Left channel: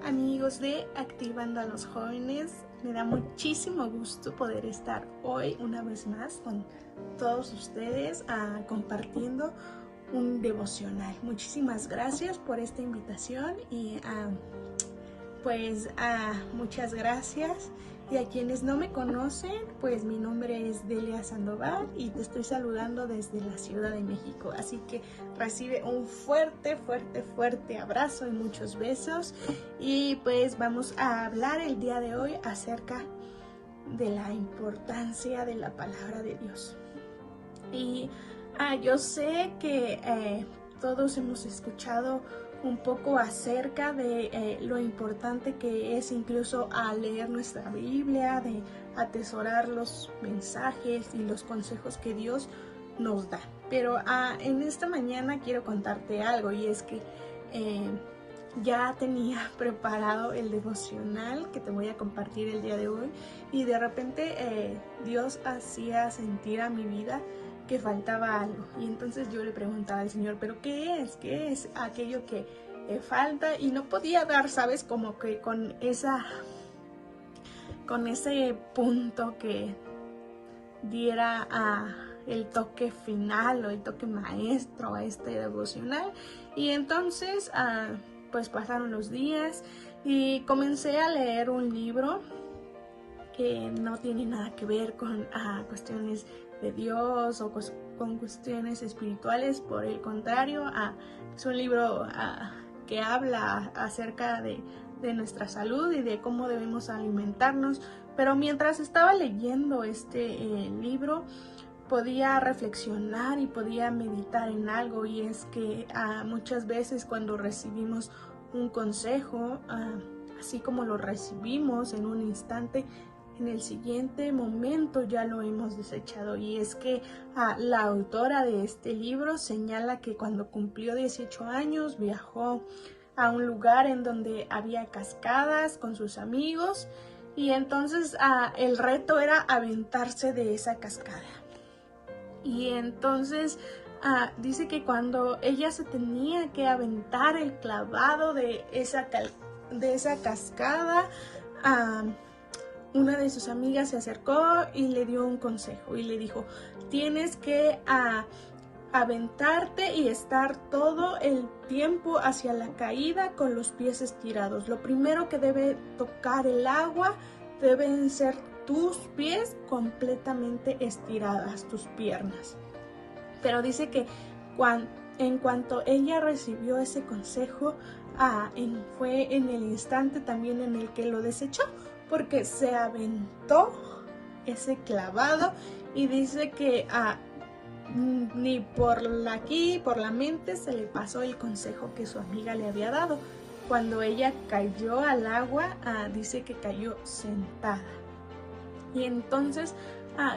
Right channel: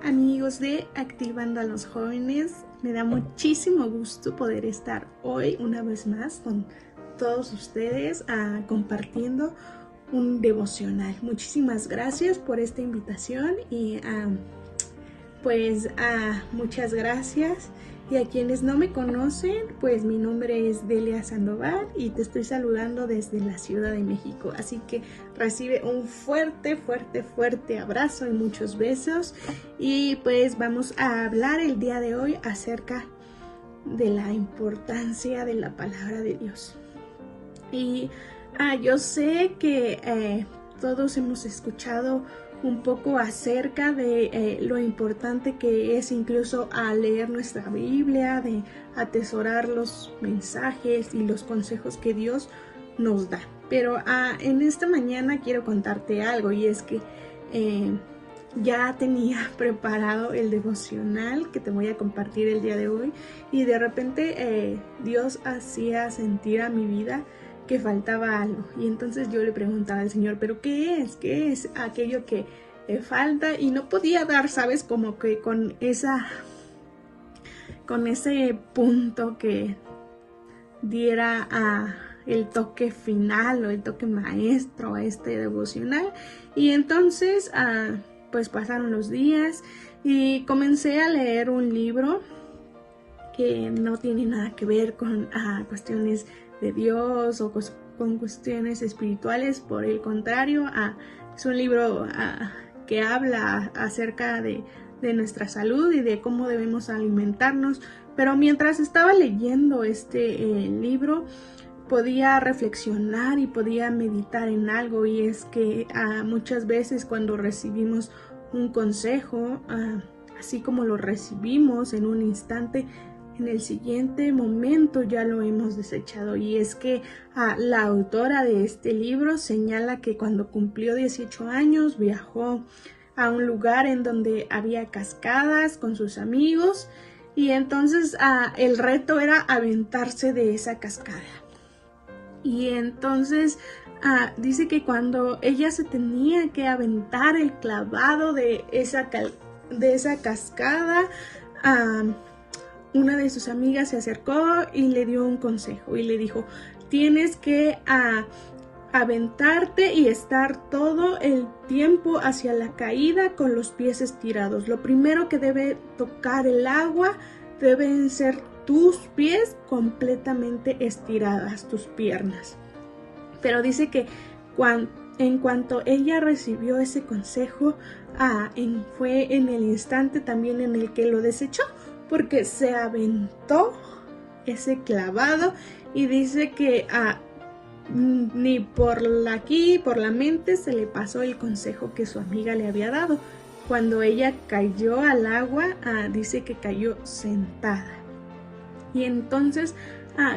Hola amigos de Activando a los Jóvenes, me da muchísimo gusto poder estar hoy una vez más con todos ustedes compartiendo un devocional. Muchísimas gracias por esta invitación y muchas gracias. Y a quienes no me conocen, pues mi nombre es Delia Sandoval y te estoy saludando desde la Ciudad de México. Así que recibe un fuerte abrazo y muchos besos. Y pues vamos a hablar el día de hoy acerca de la importancia de la palabra de Dios. Y yo sé que todos hemos escuchado un poco acerca de lo importante que es incluso leer nuestra Biblia, de atesorar los mensajes y los consejos que Dios nos da. Pero en esta mañana quiero contarte algo, y es que ya tenía preparado el devocional que te voy a compartir el día de hoy, y de repente Dios hacía sentir a mi vida que faltaba algo, y entonces yo le preguntaba al Señor, pero ¿qué es? ¿Qué es aquello que falta? Y no podía dar, ¿sabes? Como que con ese punto que diera el toque final o el toque maestro a este devocional. Y entonces pues pasaron los días y comencé a leer un libro que no tiene nada que ver con cuestiones de Dios o con cuestiones espirituales. Por el contrario, es un libro que habla acerca de nuestra salud y de cómo debemos alimentarnos. Pero mientras estaba leyendo este libro, podía reflexionar y podía meditar en algo, y es que muchas veces cuando recibimos un consejo, así como lo recibimos en un instante, en el siguiente momento ya lo hemos desechado. Y es que la autora de este libro señala que cuando cumplió 18 años viajó a un lugar en donde había cascadas con sus amigos, y entonces el reto era aventarse de esa cascada. Y entonces dice que cuando ella se tenía que aventar el clavado de esa cascada, una de sus amigas se acercó y le dio un consejo y le dijo: tienes que aventarte y estar todo el tiempo hacia la caída con los pies estirados. Lo primero que debe tocar el agua deben ser tus pies completamente estiradas, tus piernas. Pero dice que en cuanto ella recibió ese consejo, fue en el instante también en el que lo desechó, porque se aventó ese clavado, y dice que ni por la mente se le pasó el consejo que su amiga le había dado. Cuando ella cayó al agua, dice que cayó sentada. Y entonces,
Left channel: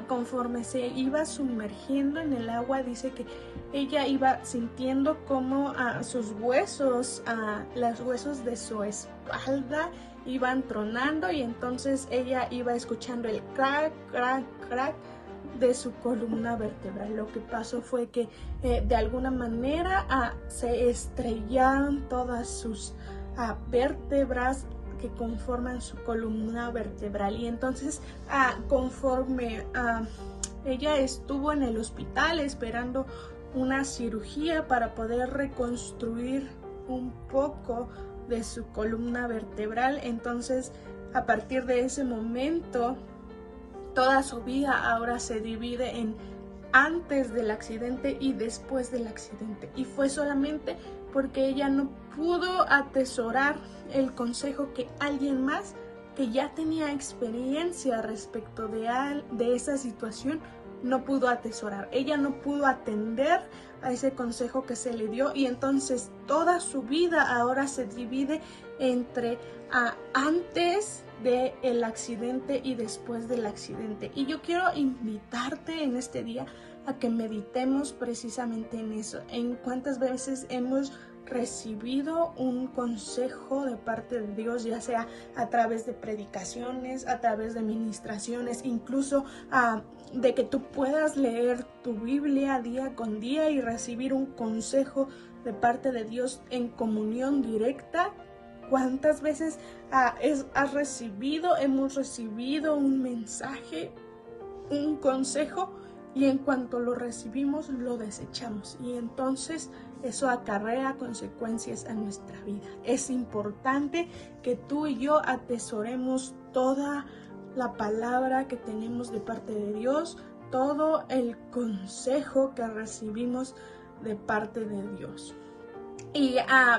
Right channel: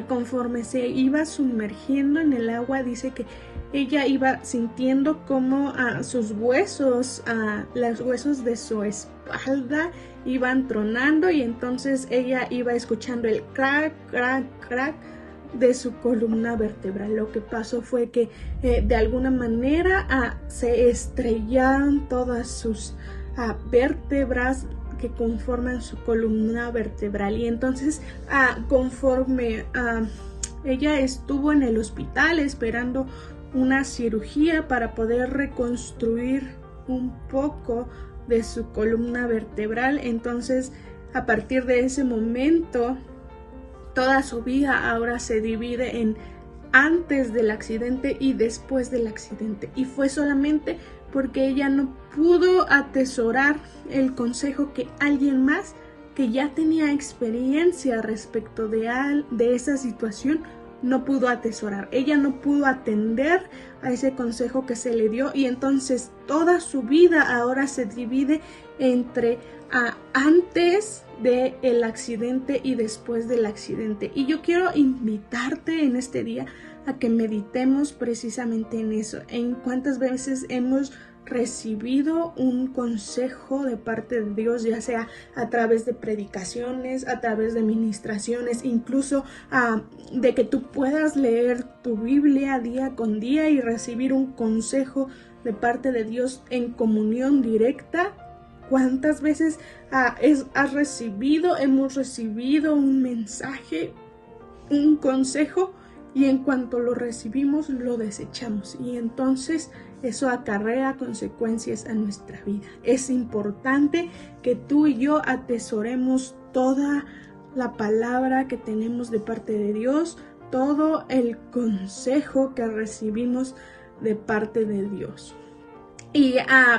conforme se iba sumergiendo en el agua, dice que ella iba sintiendo como sus huesos, los huesos de su espalda iban tronando, y entonces ella iba escuchando el crack, crack, crack de su columna vertebral. Lo que pasó fue que de alguna manera se estrellaron todas sus vértebras que conforman su columna vertebral. Y entonces conforme ella estuvo en el hospital esperando una cirugía para poder reconstruir un poco de su columna vertebral, entonces a partir de ese momento toda su vida ahora se divide en antes del accidente y después del accidente. Y fue solamente porque ella no pudo atesorar el consejo que alguien más, que ya tenía experiencia respecto de esa situación, no pudo atesorar. Ella no pudo atender a ese consejo que se le dio, y entonces toda su vida ahora se divide entre antes del accidente y después del accidente. Y yo quiero invitarte en este día a que meditemos precisamente en eso, en cuántas veces hemos recibido un consejo de parte de Dios, ya sea a través de predicaciones, a través de ministraciones, incluso de que tú puedas leer tu Biblia día con día y recibir un consejo de parte de Dios en comunión directa ¿Cuántas veces hemos recibido un mensaje, un consejo, y en cuanto lo recibimos lo desechamos? Y entonces eso acarrea consecuencias a nuestra vida. Es importante que tú y yo atesoremos toda la palabra que tenemos de parte de Dios, todo el consejo que recibimos de parte de Dios. Y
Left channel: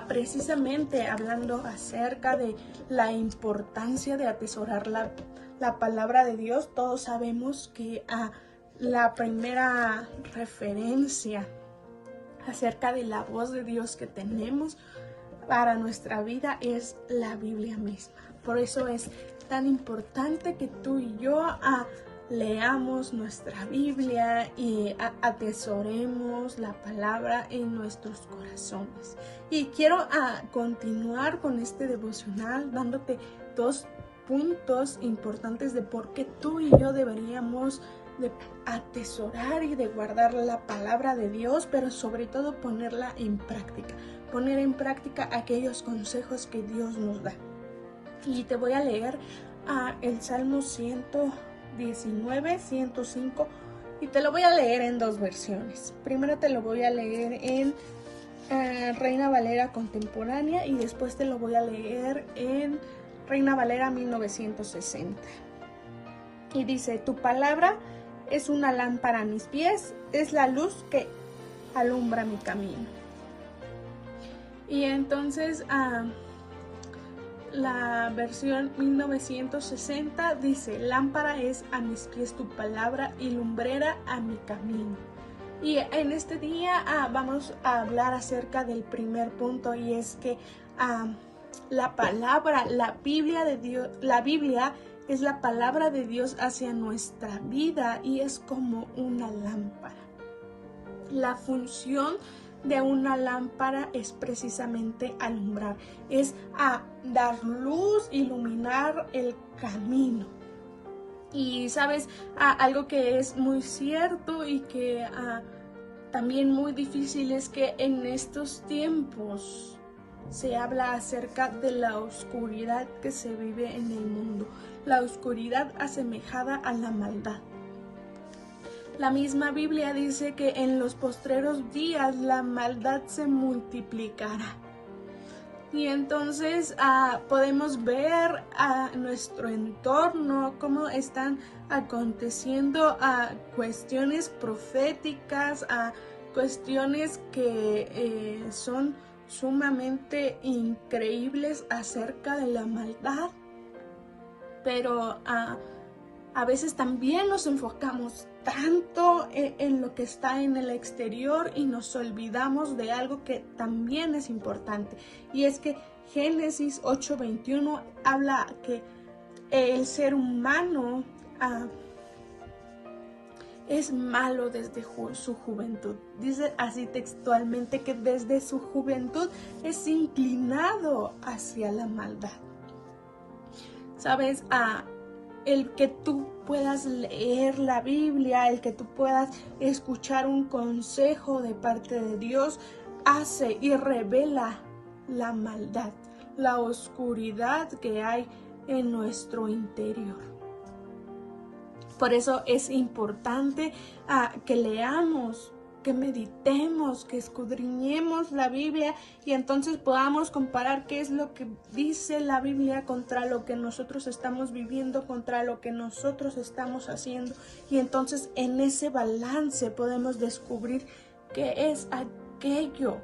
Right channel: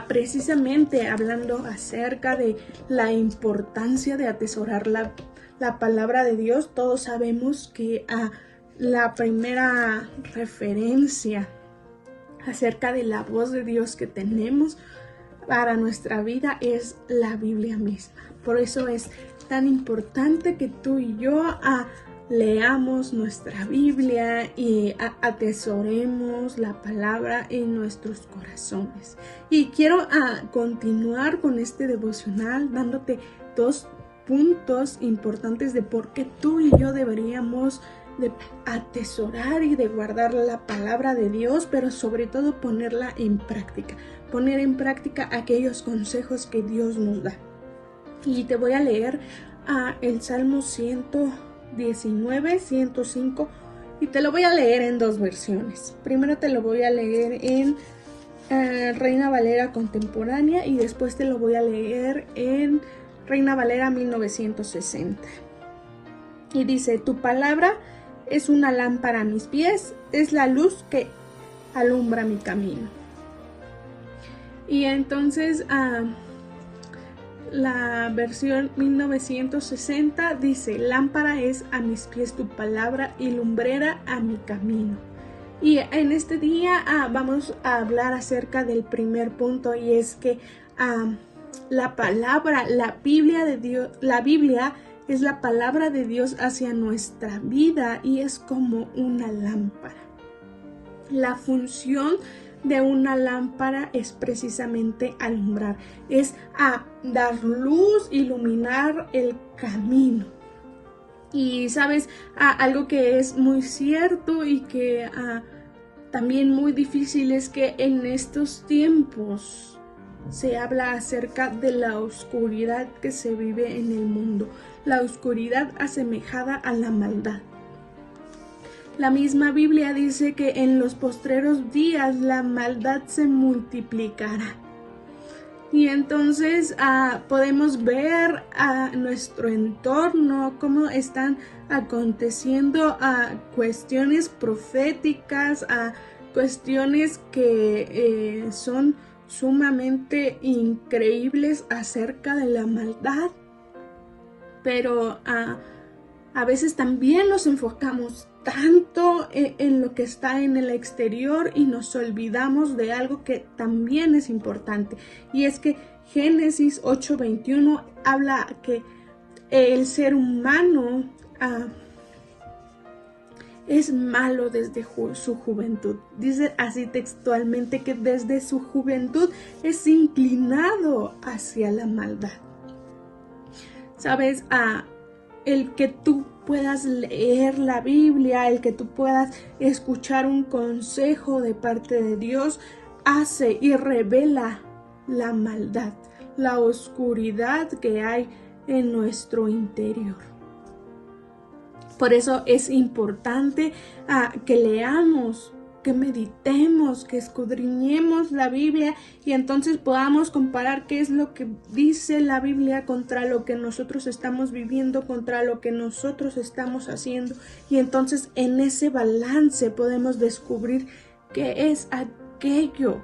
precisamente hablando acerca de la importancia de atesorar la palabra de Dios, todos sabemos que la primera referencia acerca de la voz de Dios que tenemos para nuestra vida es la Biblia misma. Por eso es tan importante que tú y yo leamos nuestra Biblia y atesoremos la palabra en nuestros corazones. Y quiero continuar con este devocional dándote 2 puntos importantes de por qué tú y yo deberíamos de atesorar y de guardar la palabra de Dios, pero sobre todo poner en práctica aquellos consejos que Dios nos da. Y te voy a leer el Salmo 119, 105, y te lo voy a leer en 2 versiones. Primero te lo voy a leer en Reina Valera contemporánea y después te lo voy a leer en Reina Valera 1960. Y dice: tu palabra es una lámpara a mis pies, es la luz que alumbra mi camino. Y entonces la versión 1960 dice: lámpara es a mis pies tu palabra y lumbrera a mi camino. Y en este día vamos a hablar acerca del primer punto, y es que la palabra, la Biblia de Dios, la Biblia es la palabra de Dios hacia nuestra vida y es como una lámpara. La función de una lámpara es precisamente alumbrar, es dar luz, iluminar el camino. Y sabes, algo que es muy cierto y que también muy difícil es que en estos tiempos se habla acerca de la oscuridad que se vive en el mundo, la oscuridad asemejada a la maldad. La misma Biblia dice que en los postreros días la maldad se multiplicará. Y entonces podemos ver a nuestro entorno cómo están aconteciendo cuestiones proféticas, cuestiones que son sumamente increíbles acerca de la maldad. Pero a veces también nos enfocamos tanto en lo que está en el exterior y nos olvidamos de algo que también es importante, y es que Génesis 8:21 habla que el ser humano es malo desde su juventud. Dice así textualmente que desde su juventud es inclinado hacia la maldad. Sabes, el que tú puedas leer la Biblia, el que tú puedas escuchar un consejo de parte de Dios, hace y revela la maldad, la oscuridad que hay en nuestro interior. Por eso es importante que leamos, que meditemos, que escudriñemos la Biblia y entonces podamos comparar qué es lo que dice la Biblia contra lo que nosotros estamos viviendo, contra lo que nosotros estamos haciendo, y entonces en ese balance podemos descubrir qué es aquello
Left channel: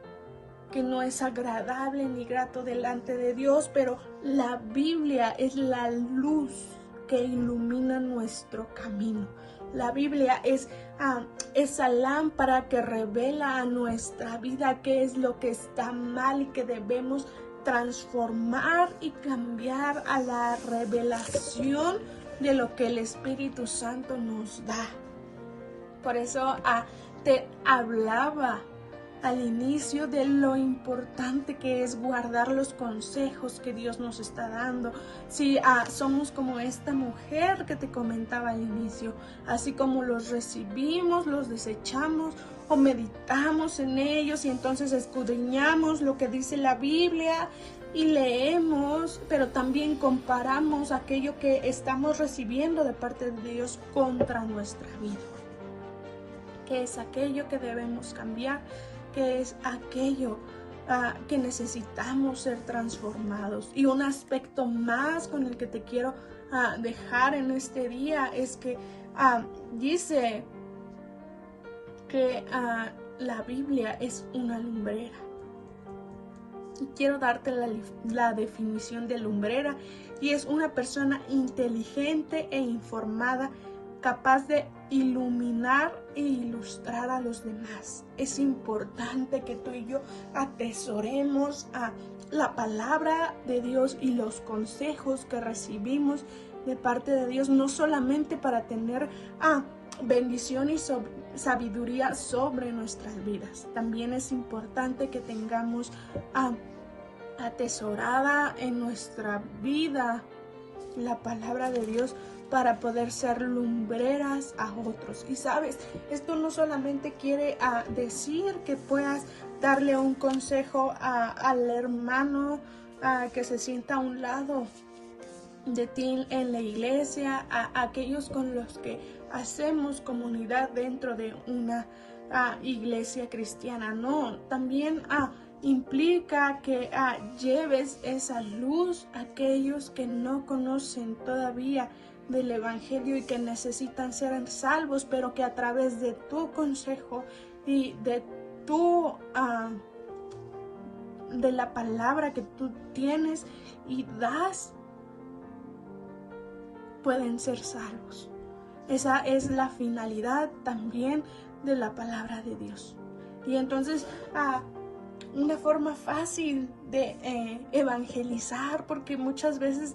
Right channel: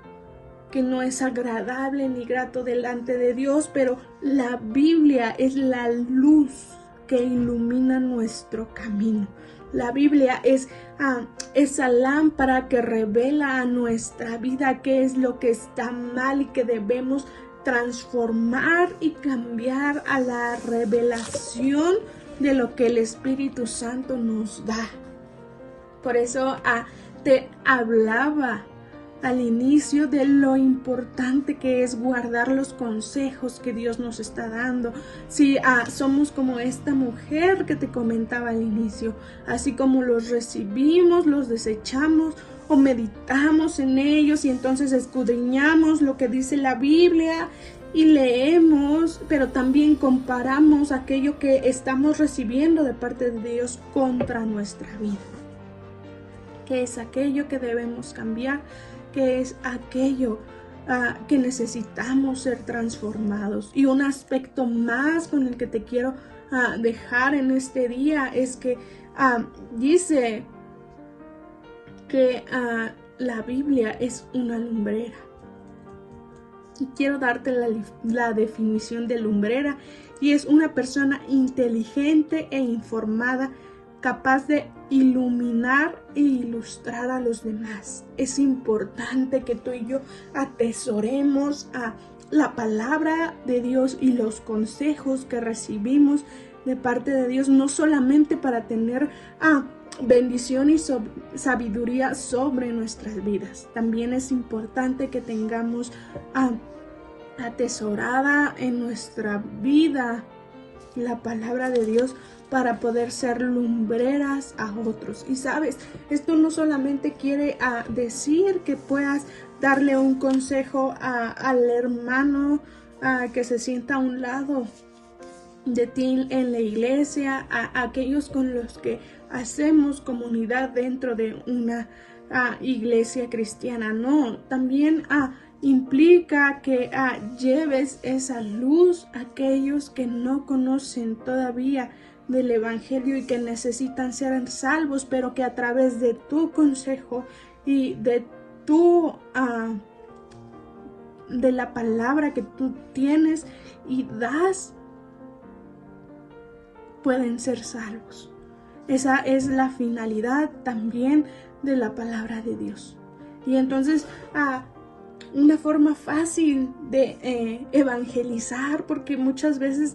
que no es agradable ni grato delante de Dios, pero la Biblia es la luz que ilumina nuestro camino. La Biblia es esa lámpara que revela a nuestra vida qué es lo que está mal y que debemos transformar y cambiar a la revelación de lo que el Espíritu Santo nos da. Por eso te hablaba al inicio de lo importante que es guardar los consejos que Dios nos está dando. Si somos como esta mujer que te comentaba al inicio, así como los recibimos, los desechamos o meditamos en ellos y entonces escudriñamos lo que dice la Biblia y leemos, pero también comparamos aquello que estamos recibiendo de parte de Dios contra nuestra vida. ¿Qué es aquello que debemos cambiar? ¿Qué es aquello que necesitamos ser transformados? Y un aspecto más con el que te quiero dejar en este día es que dice que la Biblia es una lumbrera. Y quiero darte la definición de lumbrera, y es una persona inteligente e informada, capaz de iluminar e ilustrar a los demás. Es importante que tú y yo atesoremos a la palabra de Dios y los consejos que recibimos de parte de Dios, no solamente para tener bendición y sabiduría sobre nuestras vidas. También es importante que tengamos atesorada en nuestra vida la palabra de Dios para poder ser lumbreras a otros. Y sabes, esto no solamente quiere decir que puedas darle un consejo al hermano que se sienta a un lado de ti en la iglesia, a aquellos con los que hacemos comunidad dentro de una iglesia cristiana. No, también implica que lleves esa luz a aquellos que no conocen todavía del evangelio y que necesitan ser salvos, pero que a través de tu consejo y de la palabra que tú tienes y das, pueden ser salvos. Esa es la finalidad también de la palabra de Dios. Y entonces, una forma fácil de evangelizar, porque muchas veces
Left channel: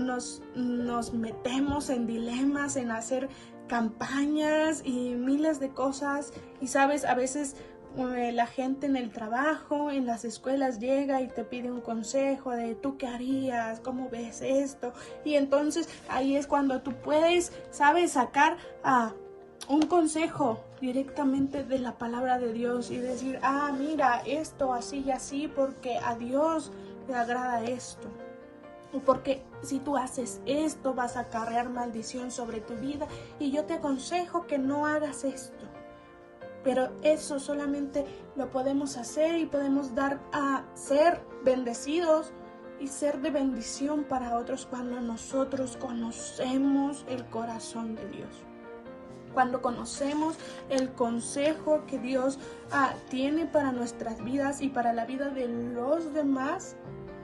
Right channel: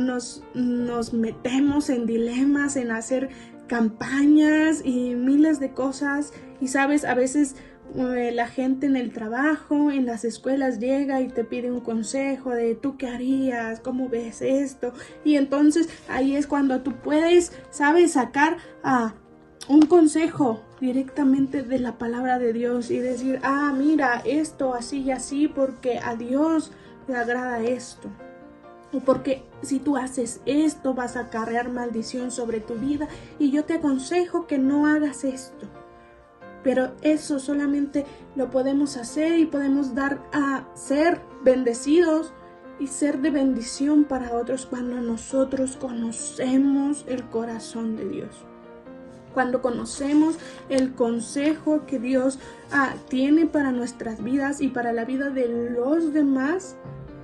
nos metemos en dilemas, en hacer campañas y miles de cosas. Y sabes, a veces la gente en el trabajo, en las escuelas llega y te pide un consejo de tú qué harías, cómo ves esto, y entonces ahí es cuando tú puedes, sabes, sacar un consejo directamente de la palabra de Dios y decir, mira, esto así y así porque a Dios le agrada esto, o porque si tú haces esto vas a acarrear maldición sobre tu vida y yo te aconsejo que no hagas esto. Pero eso solamente lo podemos hacer y podemos dar a ser bendecidos y ser de bendición para otros cuando nosotros conocemos el corazón de Dios. Cuando conocemos el consejo que Dios tiene para nuestras vidas y para la vida de los demás,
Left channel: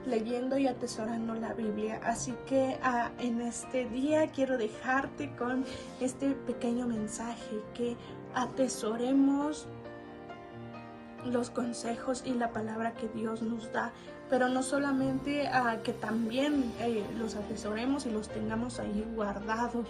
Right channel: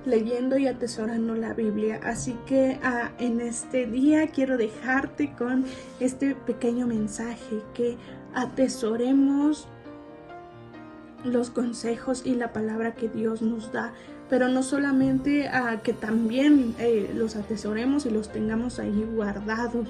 leyendo y atesorando la Biblia. Así que en este día quiero dejarte con este pequeño mensaje, que atesoremos los consejos y la palabra que Dios nos da, pero no solamente que también los atesoremos y los tengamos ahí guardados.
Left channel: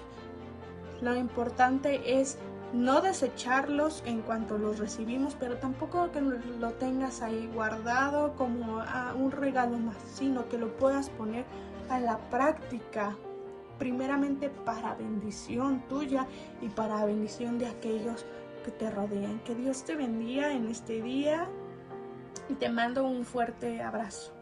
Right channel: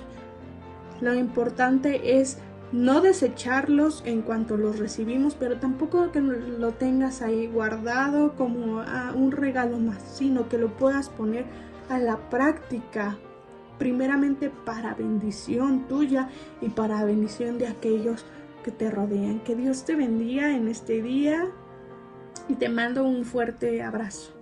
Lo importante es no desecharlos en cuanto los recibimos, pero tampoco que lo tengas ahí guardado como un regalo más, sino que lo puedas poner a la práctica, primeramente para bendición tuya y para bendición de aquellos que te rodean. Que Dios te bendiga en este día y te mando un fuerte abrazo.